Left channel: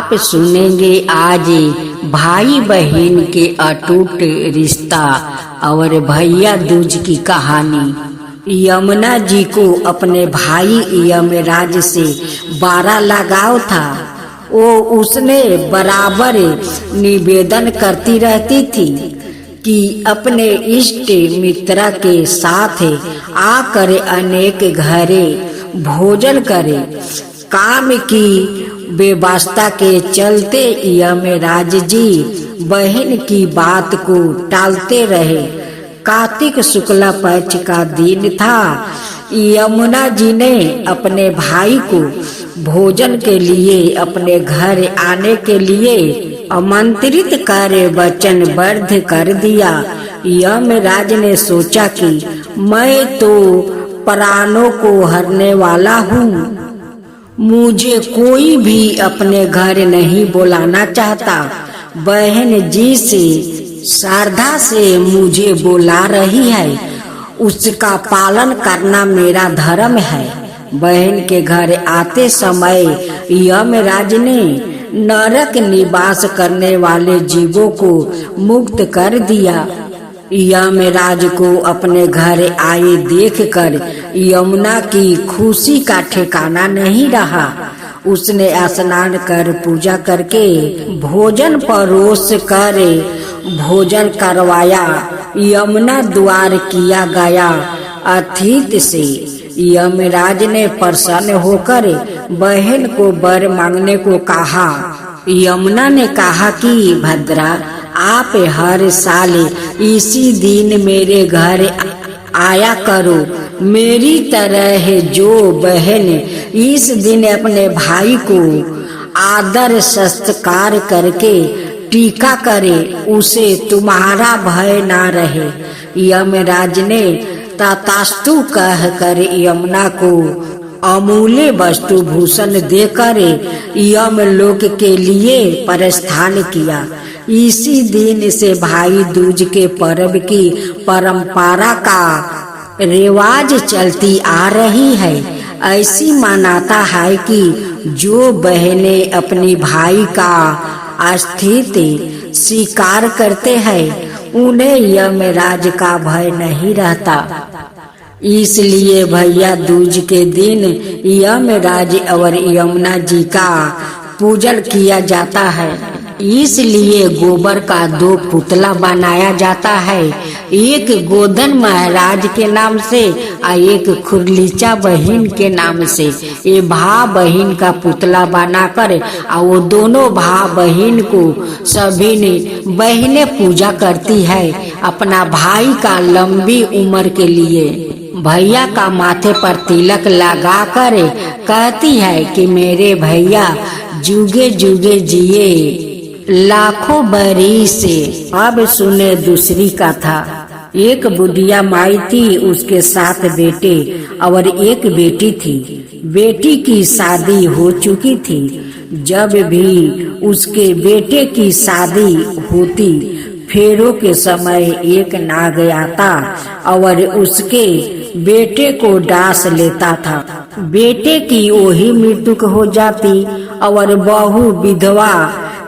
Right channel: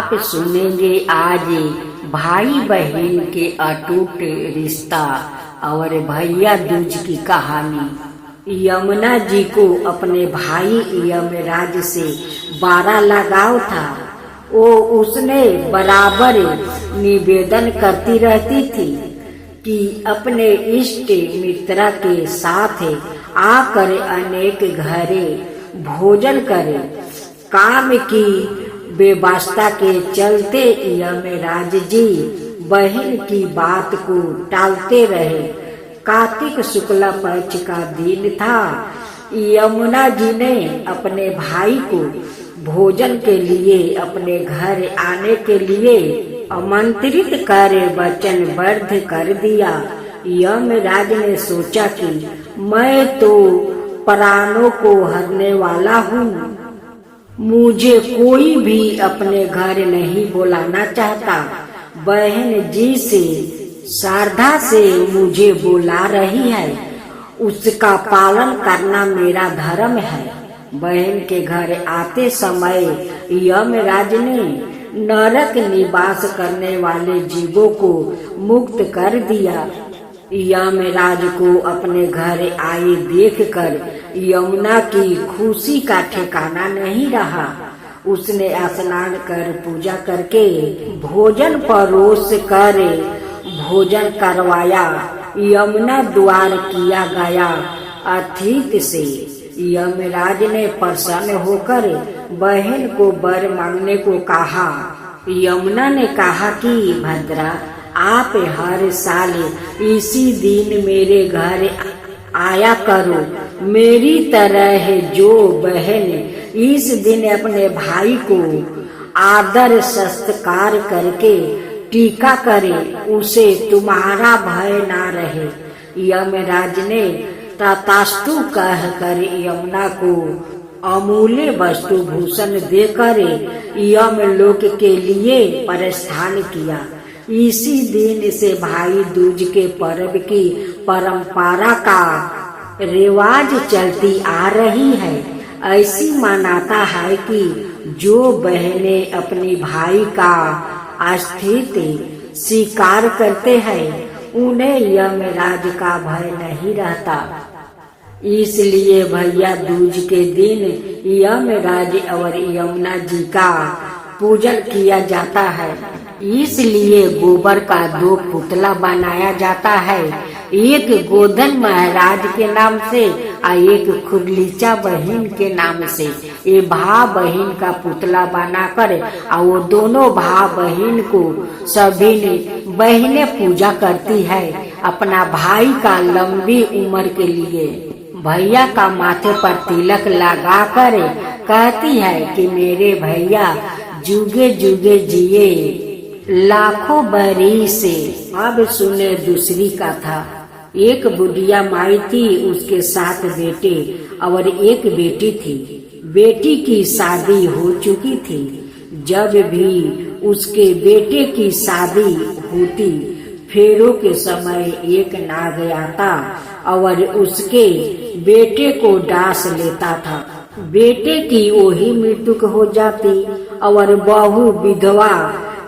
आप सुनेंगे आज भाई बहन के अटूट रिश्ता और भैया दूज की कहानी। यमुना जी को अपने भाई यमराज से बड़ा लगाव था। वो उसने बराबर निवेदन करती रहती थी कि अपने इष्ट मित्र के साथ आकर अनेक घरे भोजन करे। काम की व्यवस्था के चलते यमराज जी बहन की बात को टालते रहे। कार्तिक शुक्ल पक्ष का दिन था। यमुना जी ने अपने भाई को भोजन के लिए अपने घर आने के लिए आमंत्रित कर वचनबद्ध कर दिया। यमराज ने सोचा कि मैं तो प्राणों को हरने वाला हूँ, मुझे कोई भी अपने घर नहीं बुलाना चाहता। बहन जी से श्रद्धा से मुझे बुला रही है, उसका पालन करना मेरा धर्म है। बहन के घर आते समय यमराज ने नरक निवास करने वाले जीवों को मुक्त कर दिया। यमराज को अपने घर आए देखकर यमुना की खुशी का ठिकाना नहीं रहा। उसने स्नान कर पूजा करके भोजन परोस कर भोजन करवाया। यमुना द्वार किया गया अतिथि से यमराज ने प्रसन्न होकर बहन को वर मांगने को कहा। यमुना ने कहा कि भद्रा, आप हर साल इसी दिन मेरे घर आया करो। मेरी तरह जो बहन इस दिन अपने भाई को आदर सत्कार करके टीका करे, उसे तुम्हारा भय ना रहे। यमराज ने तथास्तु कहकर यमुना को अमूल्य वस्तु भूषण देकर यमलोक के लिए प्रस्थान किया। इसी दिन से भाई दूज के पर्व की परंपरा का रिवाज चलती आ रही है। ऐसी मान्यता है कि जो बहनें अपनी भाई का अस्तित्व स्वीकार करते हैं, उन्हें यमराज का भय नहीं रहता। इसलिए भैया दूज के दिन यमराज और यमुना जी का पूजन किया जाता है। इसलिए गोबर का 2 पुतला बनाया जाता है, एक गोधन महाराज के नाम से और एक खुरलीचा बहन के नाम से। ये भा बहन का पुतला बनाकर और वो दोनों भा बहन को सभी ने बहनें पूजा करती है अपना भाई का लंबी उम्र के लिए। भैया का माथे पर तिलक लगा कर कहती है कि मेरे भैया जुगे जुगे जिए लाखों बरिस से। अब सुने दूसरी कथा। एक बुढ़िया माई थी, उसके 7 बेटे और एक बेटी थी। बेटी की शादी हो चुकी थी। जब भी उसके बेटे की शादी होती, फेरों के समय एक नाग आता और उसके बेटे को डांस लेता था। बेटे की वही मृत्यु हो जाती और बहू विधवा।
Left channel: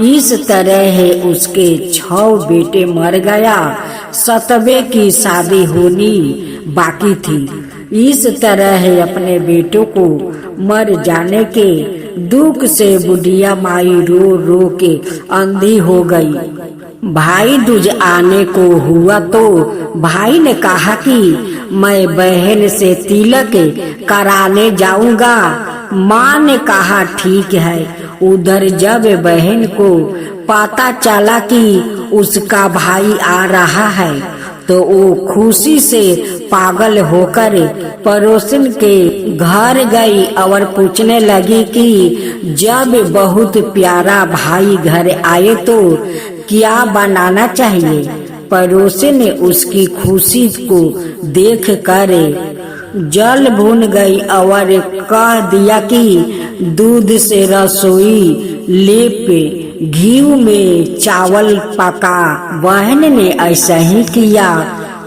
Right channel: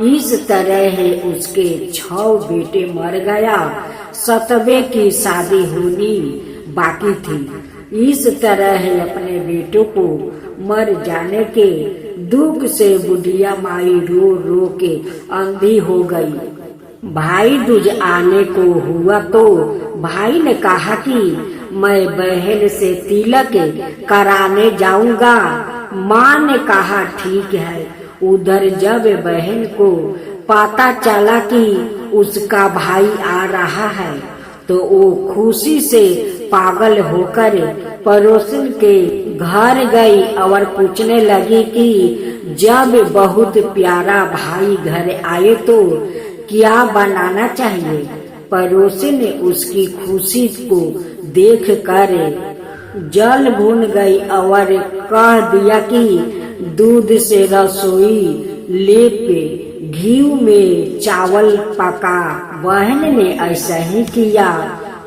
इस तरह उसके 6 बेटे मर गया। 7वें की शादी होनी बाकी थी। इस तरह अपने बेटों को मर जाने के दुख से बुढ़िया माई रो रो के अंधी हो गई। भाई दूज आने को हुआ तो भाई ने कहा कि मैं बहन से तिलक कराने जाऊंगा। माँ ने कहा ठीक है। उधर जब बहन को पता चला कि उसका भाई आ रहा है तो वो खुशी से पागल होकर पड़ोसन के घर गई और पूछने लगी कि जब बहुत प्यारा भाई घर आए तो क्या बनाना चाहिए। पड़ोसन ने उसकी खुशी को देख कर जल भून गई और कह दिया कि दूध से रसोई लेप घी में चावल पका। बहन ने ऐसा ही किया।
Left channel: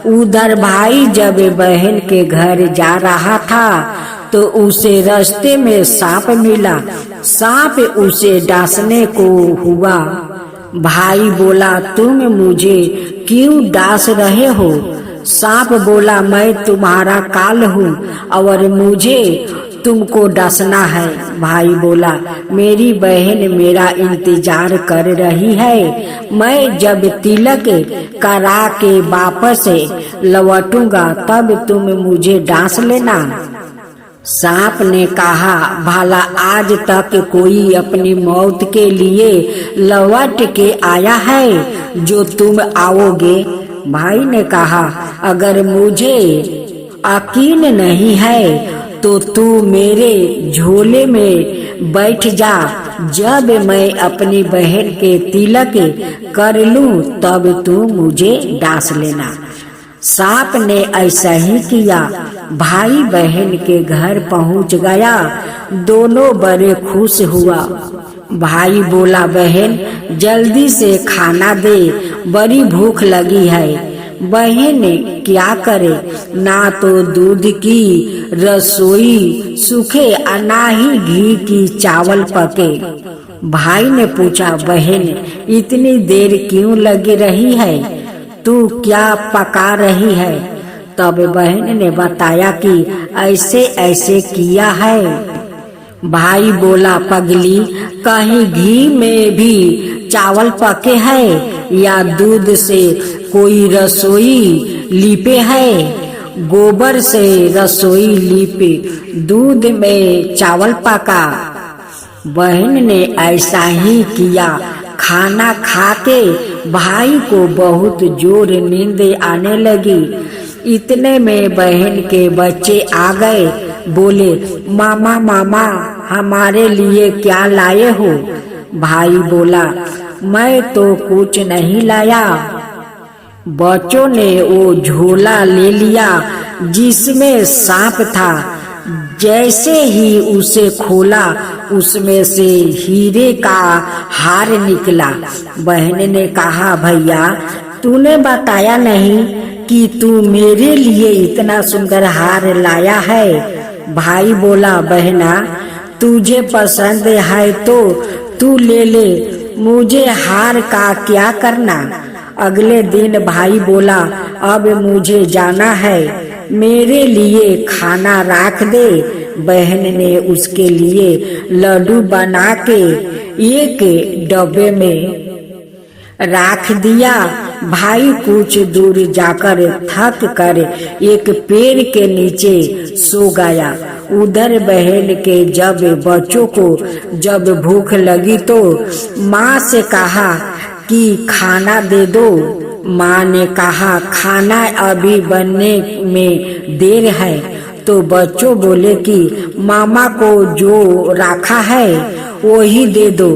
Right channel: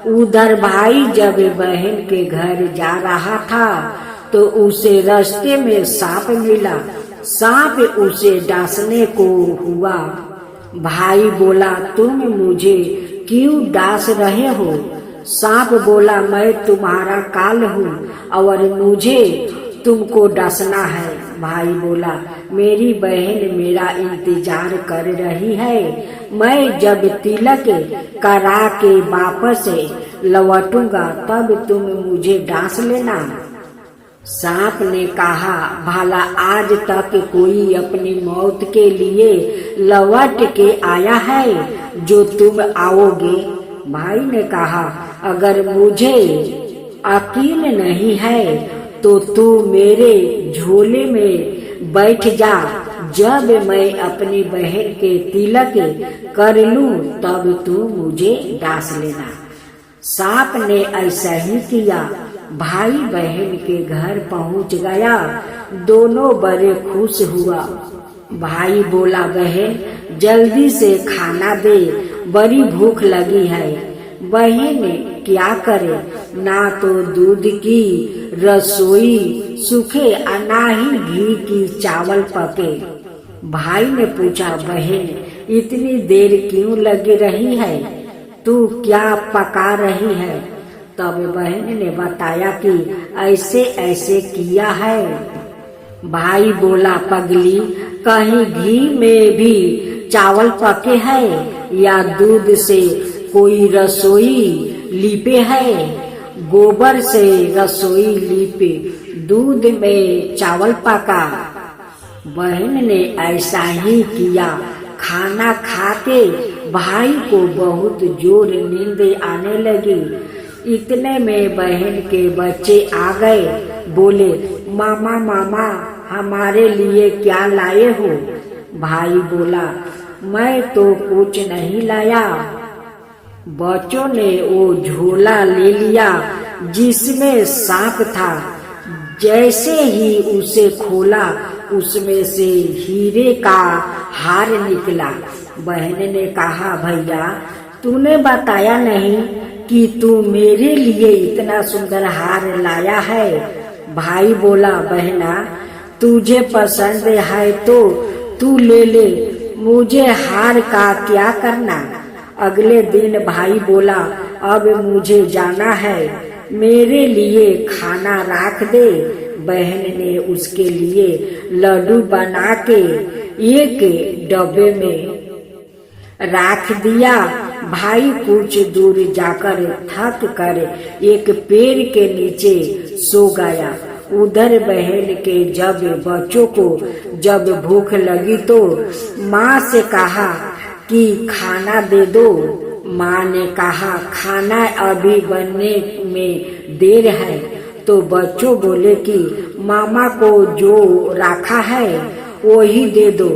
उधर भाई जब बहन के घर जा रहा था तो उसे रास्ते में सांप मिला। सांप उसे डांसने को हुआ। भाई बोला, तुम मुझे क्यों डांस रहे हो? सांप बोला, मैं तुम्हारा काल हूँ और मुझे तुमको डसना है। भाई बोला, मेरी बहन मेरा इंतजार कर रही है। मैं जब तिलक करा के वापस लौटूंगा तब तुम मुझे डांस लेना। सांप ने कहा, भला आज तक कोई अपनी मौत के लिए लौट के आया है जो तुम आओगे? भाई ने कहा, अगर मुझे यकीन नहीं है तो तू मेरे झोले में बैठ जा। जब मैं अपनी बहन के तिलक कर लूं तब तू मुझे डांस लेना। सांप ने ऐसा ही किया। भाई बहन के घर पहुंच गया। दोनों बड़े खुश हुआ। भाई बोला, बहन जल्दी से खाना दे, बड़ी भूख लगी है। बहन क्या करे, ना तो दूध की रसोई सूखे और ना ही घी की चावल पके। भाई ने पूछा, बहन इतनी देर क्यों लगी रही है? तू क्या पका रही है? तब बहन ने बताया कि ऐसे ऐसे किया है। भाई बोला, पगली कहीं घी में भी चावल पके है या दूध से कोई रसोई लीपे है? गोबर से रसोई लीपे, दूध में चावल पका। बहन ने ऐसा ही किया। खाना खाके भाई को बहुत जोर नींद आने लगी। इतने में बहन के बच्चे आ गए। बोले, मामा मामा हमारे लिए क्या लाए हो? भाई बोला, मैं तो कुछ नहीं लाया। बच्चों ने वो झोला ले लिया जिसमें सांप था। जैसे ही उसे खोला उसमें से हीरे का हार निकला। बहन ने कहा, भैया तूने बताया नहीं कि तू मेरे लिए इतना सुंदर हार लाया है। भाई बोला, बहना तुझे पसंद है तो तू ले ले, मुझे हार का क्या करना। अगले दिन भाई बोला, अब मुझे जाना है, मेरे लिए खाना रख दे। बहन ने उसके लिए लड्डू बना के एक डब्बे में रख दिया। भाई कुछ दूर जाकर थक कर एक पेड़ के नीचे सो गया। उधर बहन के जब बच्चों को जब भूख लगी तो माँ से कहा कि खाना दे दो। माँ ने कहा, खाना अभी बनने में देर है। तो बच्चों बोले कि मामा को जो रखा है वो ही दे दो।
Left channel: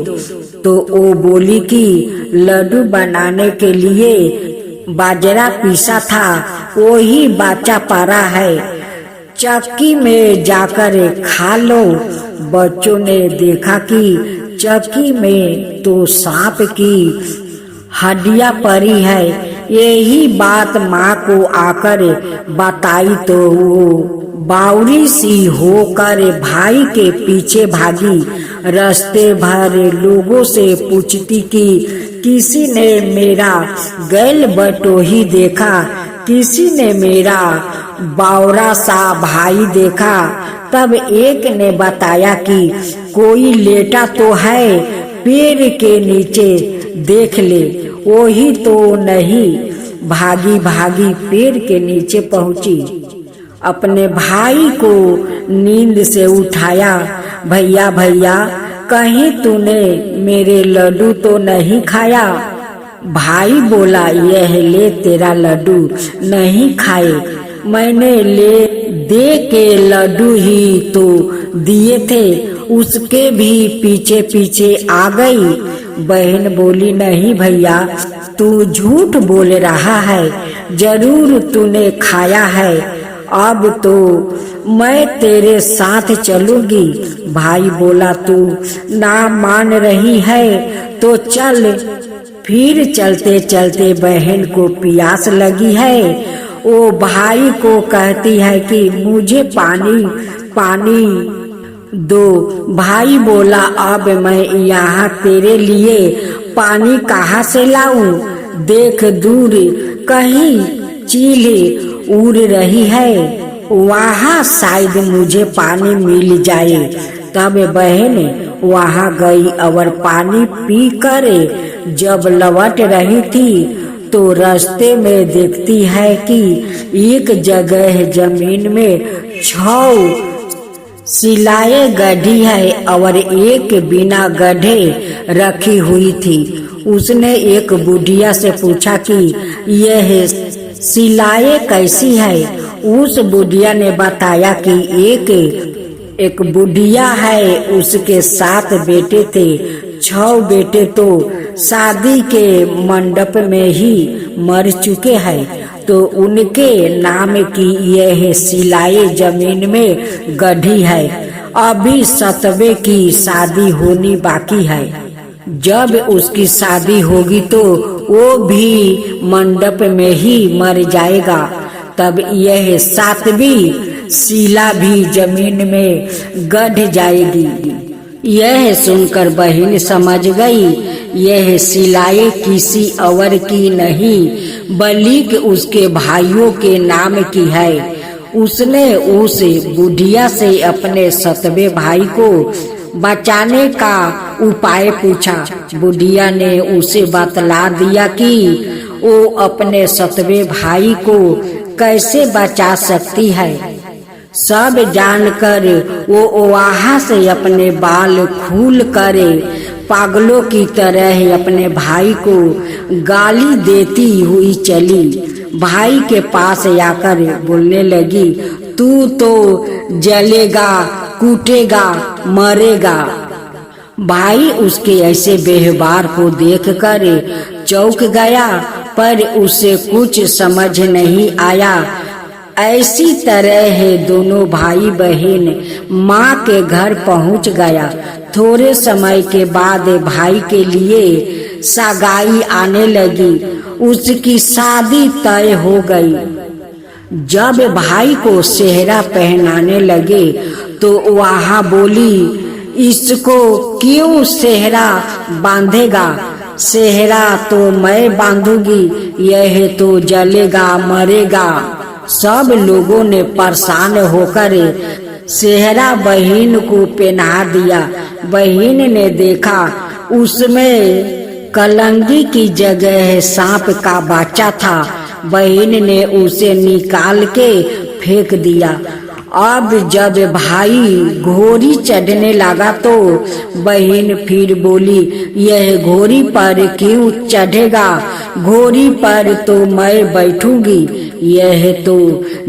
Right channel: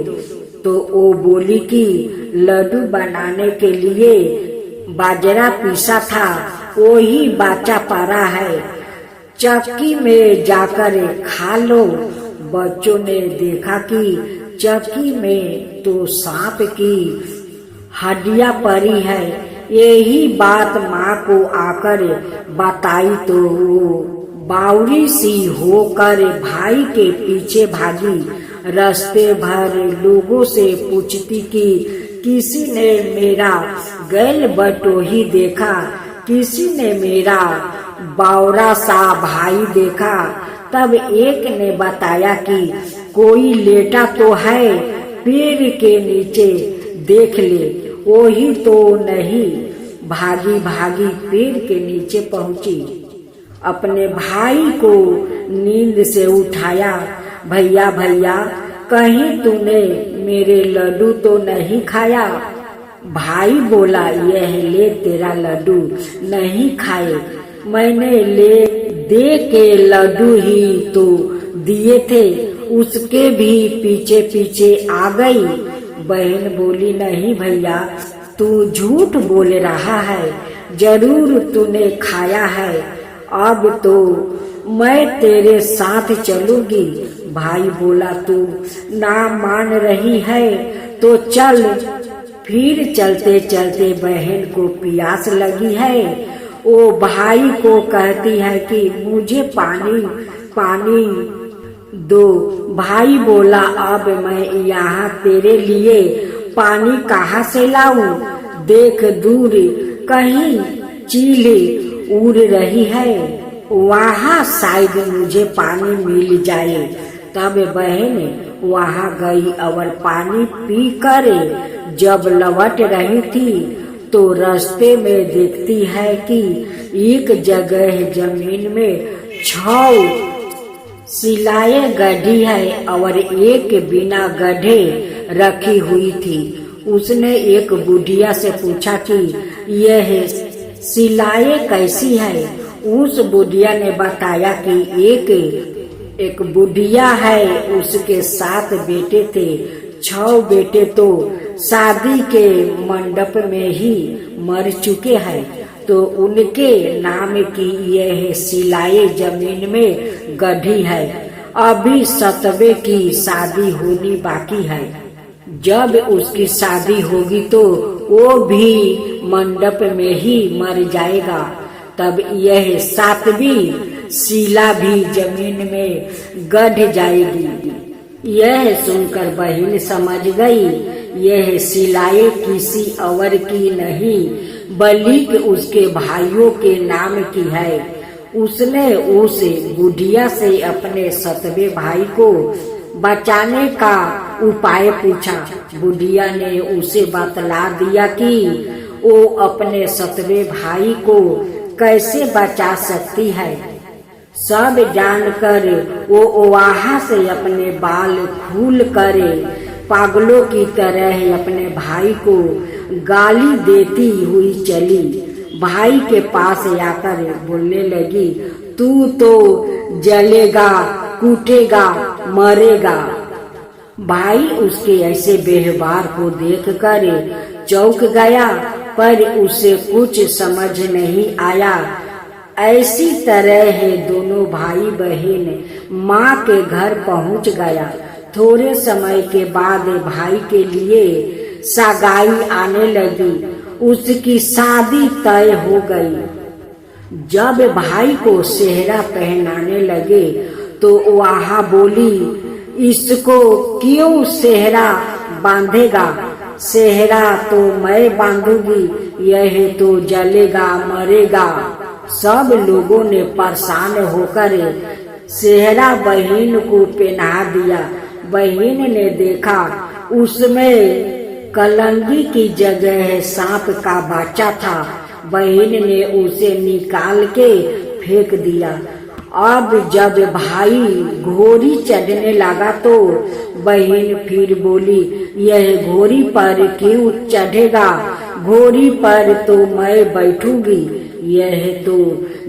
तो वो बोली कि लड्डू बनाने के लिए बाजरा पीसा था वो ही बचा पड़ा है, चक्की में जाकर खा लो। बच्चों ने देखा कि चक्की में तो सांप की हड्डियां पड़ी है। यही बात माँ को आकर बताई तो वो बावरी सी होकर भाई के पीछे भागी। रास्ते भर लोगों से पूछती कि किसी ने मेरा गैल बटोही देखा, किसी ने मेरा बावरा सा भाई देखा। तब एक ने बताया कि कोई लेटा तो है, पेड़ के नीचे देख ले। वही तो नहीं। भागी भागी पेड़ के नीचे पहुंची। अपने भाई को नींद से उठाया। भैया भैया कहीं तूने मेरे लड्डू तो नहीं खाया? भाई बोला, यह ले तेरा लड्डू। नहीं खाए, मैंने ले दे के लड्डू ही तो दिए थे, उसके भी पीछे पीछे आ गई। बहन बोली, नहीं भैया तू झूठ बोल रहा है, जरूर तूने खाया है। अब तो मैं तेरे साथ चलूंगी। भाई बोला, तू ना मान रही है तो चल। फिर चलते चलते बहन को प्यास लगी है। वो भाई को कहती है कि मुझे पानी पानी दो। भाई बोला, अब मैं यहाँ तेरे लिए पानी कहाँ से लाऊं? देख दूर कहीं चील उड़ रही है, वहाँ शायद मुझे पानी मिल जाए। तब बहन वहाँ गई और पानी पी कर जब लौट रही थी तो रास्ते में देखती है कि एक जगह जमीन में 6 सिलाए गड्ढी है और एक बिना गड्ढे रखी हुई थी। उसने एक बुढ़िया से पूछा कि यह सिलाए कैसी है? उस बुढ़िया ने बताया कि एक बुढ़िया है, उसके 7 बेटे थे। 6 बेटे तो शादी के मंडप में ही मर चुके हैं, तो उनके नाम की यह सिलाई जमीन में गड्ढी है। अभी 7वें की शादी होनी बाकी है। जब उसकी शादी होगी तो वो भी मंडप में ही मर जाएगा। तब यह 7वीं शिला भी जमीन में गड़ जाएगी। यह सुनकर बहन समझ गई यह सिलाई किसी और की नहीं बल्कि उसके भाइयों के नाम की है। उसने उस बुढ़िया से अपने 7वें भाई को बचाने का उपाय पूछा। बुढ़िया ने उसे बतला दिया कि वो अपने 7वें भाई को कैसे बचा सकती है। सब जानकर वो वहाँ से अपने बाल खूल करे पागलों की तरह अपने भाई को गाली देती हुई चली। भाई के पास आकर बोलने लगी, तू तो जलेगा, कूटेगा, मरेगा। भाई उसके ऐसे व्यवहार को देखकर चौंक गया, पर उसे कुछ समझ नहीं आया। ऐसी तरह दोनों भाई बहन माँ के घर पहुँच गया। थोड़े समय के बाद भाई के लिए सगाई आने लगी। उसकी शादी तय हो गई। जब भाई को सेहरा पहनाने लगे तो वहाँ बोली, इसको क्यों सेहरा बांधेगा? सेहरा तो मैं बांधूंगी, यह तो जलेगा, मरेगा। सब लोगों ने परेशान होकर सेहरा बहन को पहना दिया। बहन ने देखा उसमें कलंगी की जगह सांप का बच्चा था। बहन ने उसे निकाल के फेंक दिया। अब जब भाई घोड़ी चढ़ने लगा तो बहन फिर बोली, यह घोड़ी पर क्यों चढ़ेगा? घोड़ी पर तो मैं बैठूंगी, यह तो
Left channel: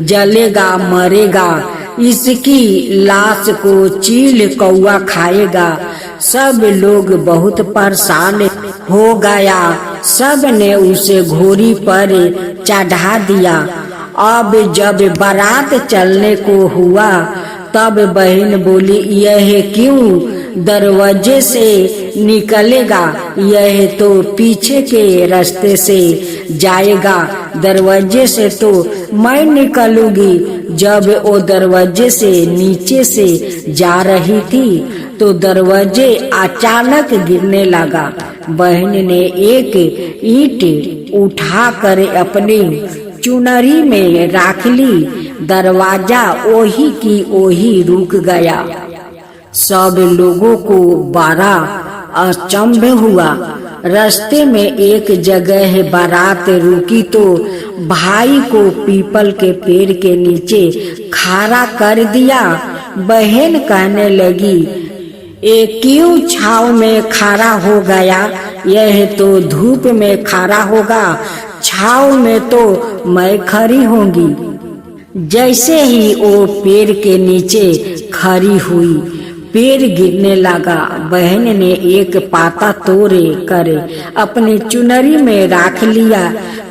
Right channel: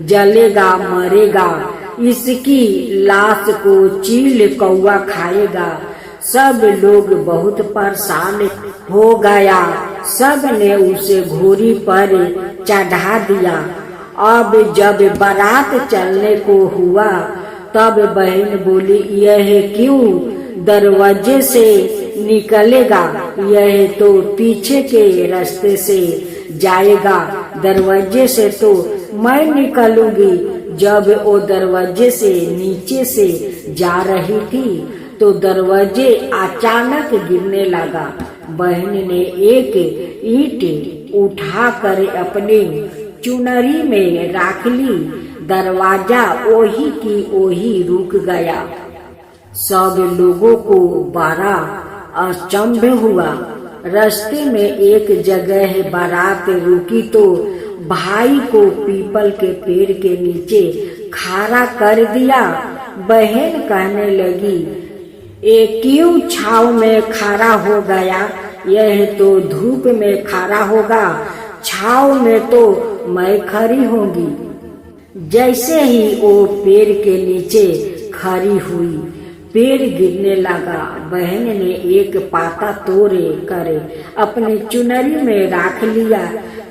जलेगा, मरेगा। इसकी लाश को चील कौवा खाएगा। सब लोग बहुत परेशान हो गया। सब ने उसे घोड़ी पर चढ़ा दिया। अब जब बारात चलने को हुआ तब बहन बोली, यह क्यों दरवाजे से निकलेगा? यह तो पीछे के रास्ते से जाएगा। दरवाजे से तो मैं निकलूंगी। जब वो दरवाजे से नीचे से जा रही थी तो दरवाजे अचानक गिरने लगा। बहन ने एक ईंट उठाकर अपनी चुनरी में रख ली। दरवाजा ओही की ओही रुक गया। सब लोगों को बड़ा अचंभ हुआ। रास्ते में एक जगह बारात रुकी तो भाई को पीपल के पेड़ के नीचे खड़ा कर दिया। बहन कहने लगी, ये क्यों छाव में खड़ा हो गया? यह तो धूप में खड़ा होगा, छाव में तो मैं खड़ी होंगी। जैसे ही वो पेड़ के नीचे खड़ी हुई, पेड़ गिरने लगा। बहन ने एक पाता तोड़े कर अपनी चुनरी में रख लिया।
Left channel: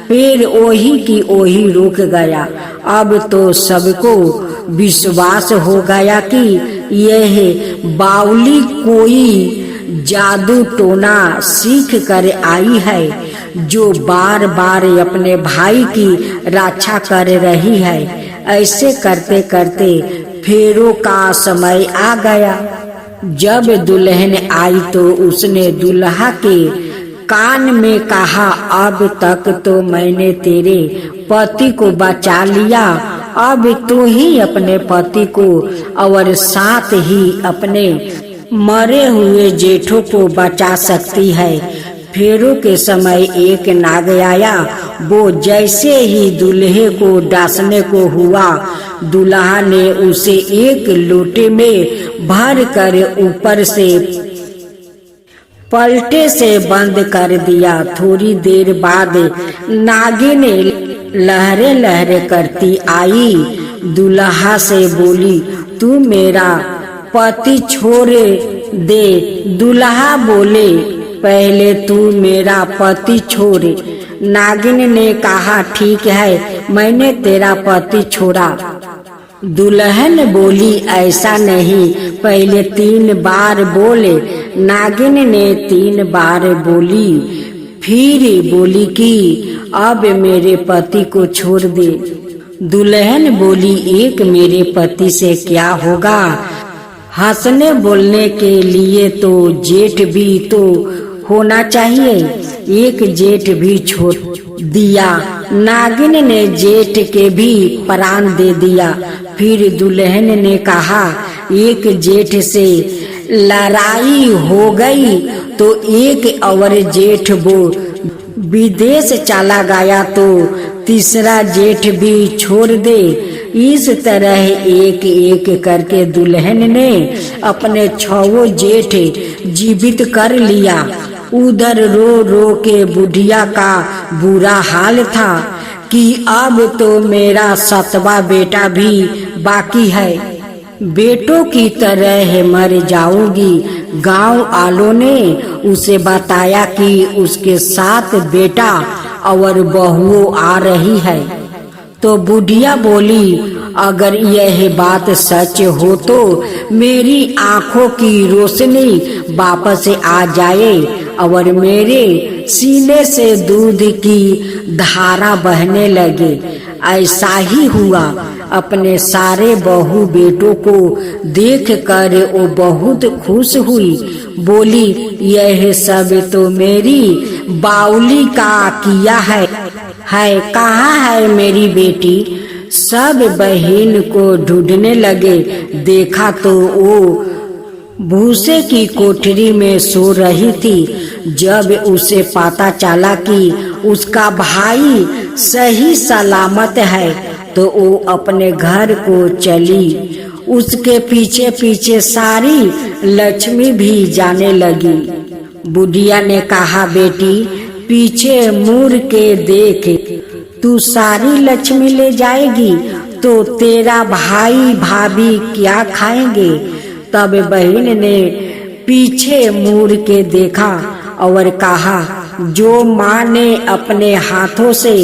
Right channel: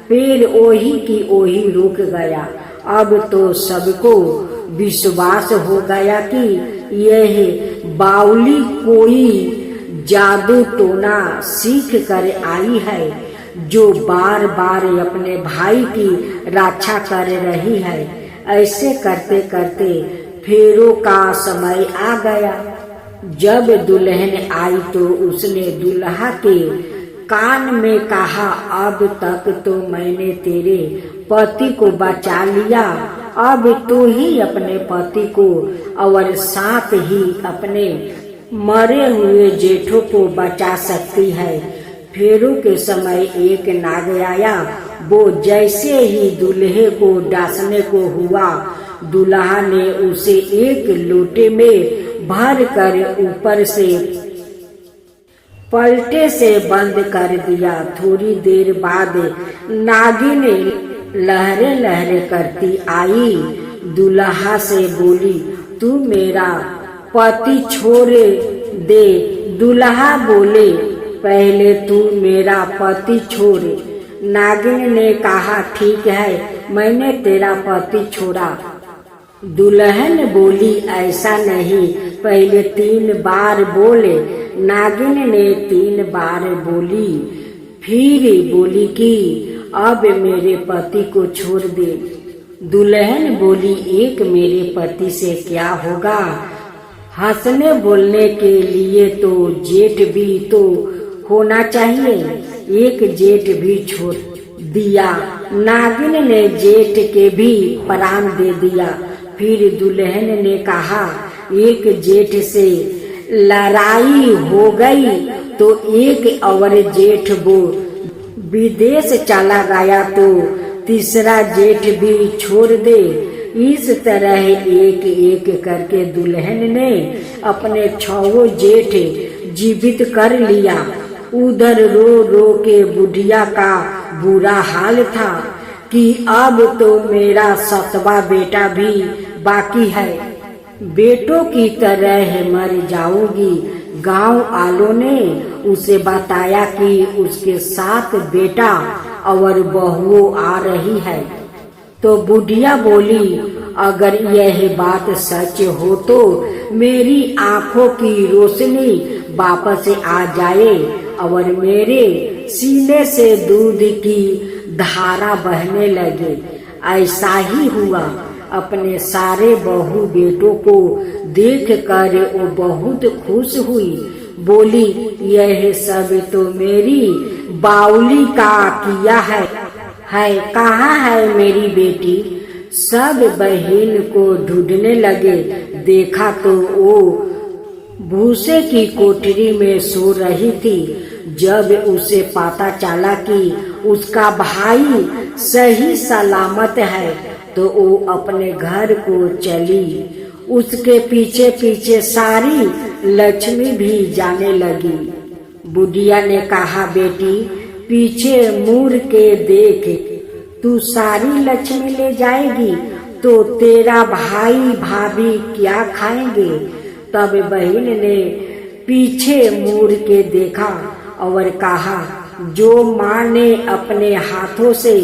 पेड़ ओही की ओही रुक गया। अब तो सबको विश्वास हो गया कि यह बावली कोई जादू टोना सीख कर आई है, जो बार बार अपने भाई की रक्षा कर रही है। ऐसे करते करते फेरों का समय आ गया। जब दुल्हन आई तो उसने दुल्हा के कान में कहा, अब तक तो मैंने तेरे पति को बचा लिया, अब तू ही अपने पति को और साथ ही अपने मरे हुए जेठों को बचा सकती है। फेरों के समय एक नाग आया, वो जैसे ही दूल्हे को डांसने को हुआ, दूल्हा ने उसे एक लोटे में भर कर ऊपर से पलटे से बंद कर दिया। थोड़ी देर बाद नागिन लहरे लहरे करती आई, दूल्हा से बोली, तू मेरा पति छोड़ दे। दूल्हा बोले, पहले तू मेरा पति छोड़। नागिन ने कहा, ठीक है, मैंने तेरा पति छोड़ा। दुल्हन बोली, ऐसा नहीं, पहले 3 बार बोले। नागिन ने 3 बार बोली, फिर बोली कि अब मेरे पति को छोड़ दे। दुल्हन बोली, एक मेरे पति से क्या होगा, हंसने बोलने के लिए तो जेठ भी तो होना चाहिए। एक जेठ भी छोड़ दिया। नागिन ने जेठ के भी प्राण दे दिया। फिर दुल्हन ने कहा, एक जेठ से लड़ाई हो गई तो एक और जेठ वो विदेश चला गया तो तीसरा जेठ भी छोड़ दे। इस तरह एक एक करके दुल्हन ने अपने 6 जेठ जीवित कर लिया। उधर रो रो के बुढ़िया का बुरा हाल था कि अब तो मेरा 7वां बेटा भी बाकी है, बेटों की तरह मर जाऊंगी। गांव वालों ने उसे बताया कि उसके 7 बेटा और बहुओं आ रही है। तो बुढ़िया बोली, अगर यह बात सच हो तो मेरी आंखों की रोशनी वापस आ जाए और मेरे सीने से दूध की धारा बहने लगे। ऐसा ही हुआ। अपने सारे बहू बेटों को देख कर वो बहुत खुश हुई। बोली, यह सब तो मेरी बाउली का किया है। कहाँ है मेरी बेटी? सब बहन को ढूंढने लगे। देखा तो वो भूसे की कोठरी में सो रही थी। जब उसे पता चला कि उसका भाई सही सलामत है तो वो अपने घर को चली। उसके पीछे पीछे सारी लक्ष्मी भी जाने लगी। बुढ़िया ने कहा, बेटी पीछे मुड़ के देख, तू सारी लक्ष्मी ले जाएगी तो तेरा भाई भाभी क्या खाएंगे? तब बहन ने पीछे मुड़ के देखा और कहा, जो माँ ने अपने हाथों से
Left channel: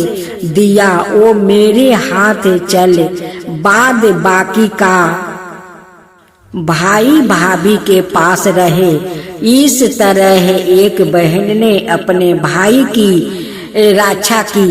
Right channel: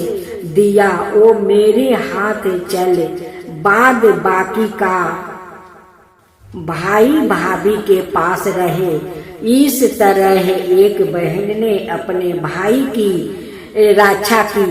दिया वो मेरे हाथ चल, बाद बाकी का भाई भाभी के पास रहे। इस तरह एक बहन ने अपने भाई की रक्षा की।